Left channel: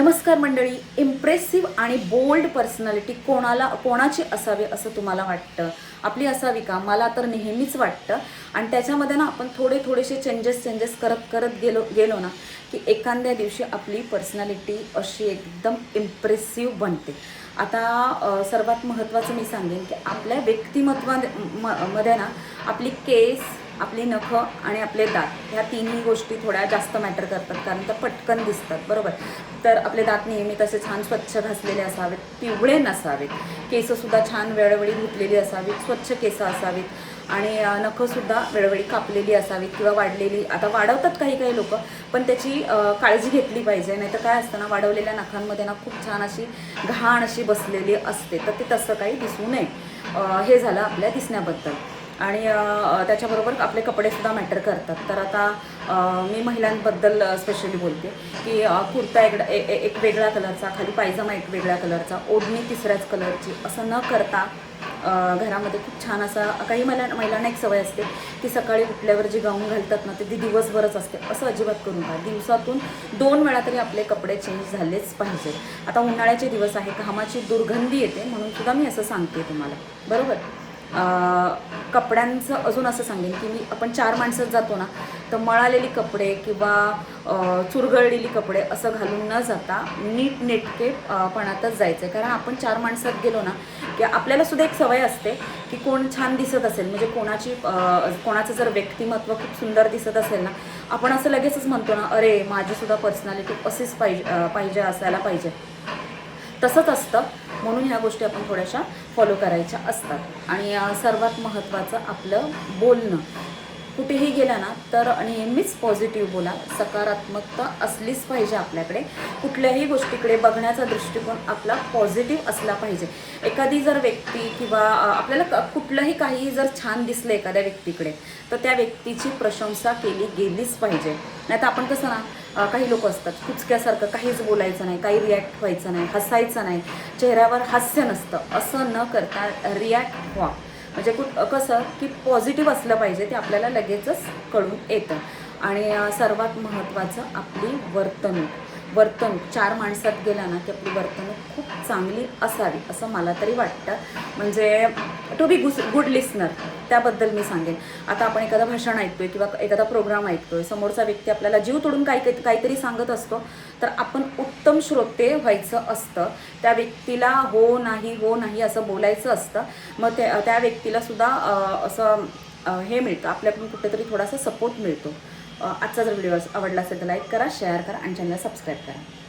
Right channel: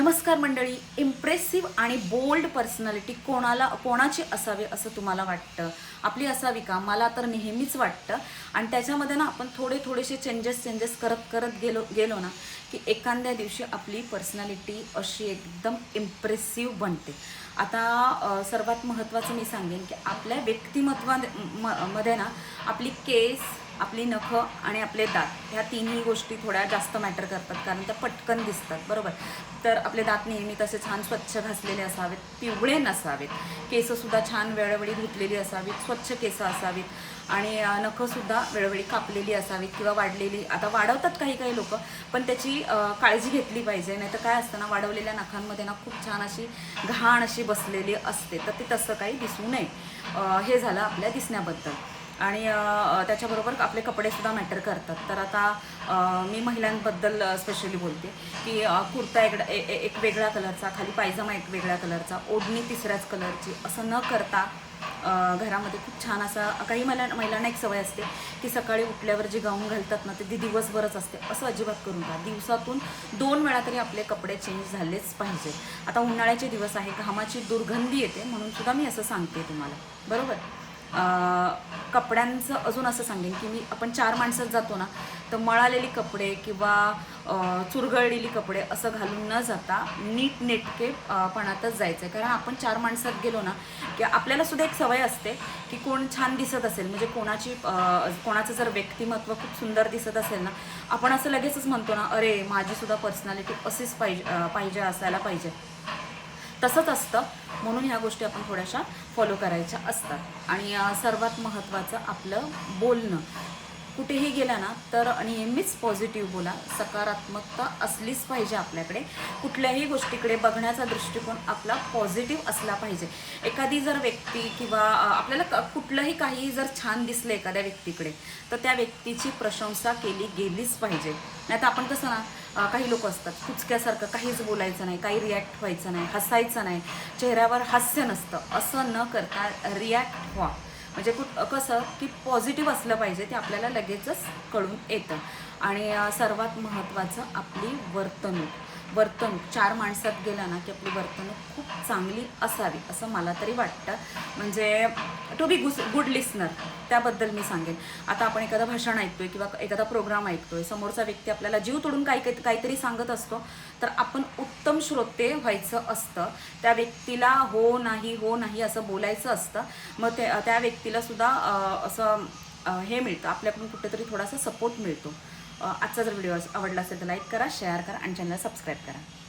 नमस्कार मंडळी. इम्प्रेसिव्ह आणि बोल्ड पर्सनॅलिटी कोणाची असावी असं तुम्हाला वाटतं? आपली असावी का? मला तर नेहमीच वाटतं. आणि त्याच्यामध्ये ना आपण थोडेसे चेंजेस करत गेलो ना की एखाद्या दिवशी आपली पर्सनॅलिटी अशी एकदम इम्प्रेसिव्ह बनते. आता सर्वात महत्त्वाचं मी सांगेन की आपल्या व्यक्तिमत्वामध्ये ना आपली केस, आपली नखं आणि आपले दात ह्या तिन्ही गोष्टी थोड्या जास्त मॅटर करतात, कारण त्या पटकन दिसतात, बरोबर. तर आपले दात नेहमी तसे छान स्वच्छ घासलेले असावेत, पिवळे नसावेत. केससुद्धा छान वेळोवेळी धुतलेली असावीत, स्वच्छ केस असावीत. आणि नखंसुद्धा वेळोवेळी कापलेली असावीत किंवा वाढलेली. आता वाढवतात काही लोक, पण त्याची काळजी घेतली पाहिजे. नाही तर काय असतं ना, वाढवलेल्या नखांमध्ये ना खूप छान अशी घाण अशी बसलेली असते, तर ते तसं काही दिसू नये. हे झालं आपल्या दिसण्याबद्दल. आणि त्याच्याबरोबर आपले कपडेसुद्धा मॅटर करतात. तर आता मी महिलांबद्दल स्पेशली बोलते की कुर्ता एक वेगळ्या कलरचा, खाली पायजामा एक वेगळ्या कलरचा, ओढणी तिसऱ्याच कलरची, असं न करता घरामध्ये खूप छान असा, काही महिलांना एक सवय असते की सकाळी उठल्यावर जे गाऊन घालतात ना ते दिवसभरच असते. असं अजिबात करू नका. दिवसातून 2 वेळा तरी आपले कपडे चेंज झालेच पाहिजे. आता उन्हाळ्याचे दिवस आहे, घामाची दुर्गंधी येते, म्हणून सुद्धा मी असं सांगते तुम्हाला, बरोबर. कपड्यांचं अजून असं सांगेन की आपण 4 माणसात जातो ना, तर मळालेली कपडे किंवा चुरगळलेली कपडे असं घालून न जाता नीटनेटके पणातच जायचं आहे. कारण आपण 4 माणसात गेलो ना की आपल्याला सुद्धा एक सवय असते की कोण छान दिसत असेल, म्हणजे कोणाचं जर व्यक्तिमत्व खूप सुंदर दिसत असेल ना, आपण असं लगेचच म्हणतो ना, अरे माझी सुद्धा पर्सनॅलिटी अशीच पाहिजे असायला पाहिजे. तसंच असतं. म्हणून ह्या गोष्टी आपण थोड्याशा फॉलो करायच्या असतात. आणि सर्वात महत्त्वाचं आपलं बोलणं. कुठेही गेला ना तर नेहमीच पॉझिटिव्ह बोला. सकारात्मकता असलीच पाहिजे आपल्याकडे. कुठल्याही गोष्टीकडे बघण्याचा दृष्टिकोन आपला पॉझिटिव्ह असला पाहिजे. एखादी जर व्यक्ती किंवा आपल्याला कुठलंही काही जर छान दिसलं एखाद्या व्यक्तीकडे, तर त्या व्यक्तीची प्रशंसा केली गेलीच पाहिजे. नाही तर आपण कसं ना, काही लोक असतात कुचक्यासारखं, काहीच बोलायचं नाही, काही रिॲक्ट व्हायचं नाही, हसायचं नाही, चेहऱ्यावर हास्य नसतं. असं न करता रिॲक्ट व्हा. म्हणजे कसं की पॉझिटिव्ह असलं पाहिजे, ते आपल्याला लगेचच कळून येतं. आणि सर्वात महत्त्वाचं आपली वर्तणूक 4 माणसात गेला ना की आपली वर्तणूक खूप चांगली असावी असं मला तरी वाटतं. म्हणजे टू बी गुड लिस्नर, त्याबद्दल मी सांगेन. आता आपण एखादं भाषण ऐकतोय किंवा एखादा प्रोग्राम ऐकतोय, समोरचा व्यक्ती आपल्याला जीव तोडून काहीतरी सांगत असतो, तर आपण उत्तम श्रोते व्हायचं असतं. त्या व्यक्तीला हो नाही असं बोलायचं असतं. मग त्या व्यक्तीला सुद्धा असं हे मिळतं, आपल्याकडून कुठेतरी थोडासा सपोर्ट मिळतो. आजचा जर व्हिडिओ आवडला असेल तर लाईक करा, शेअर करा आणि चॅनलला सबस्क्राईब करा.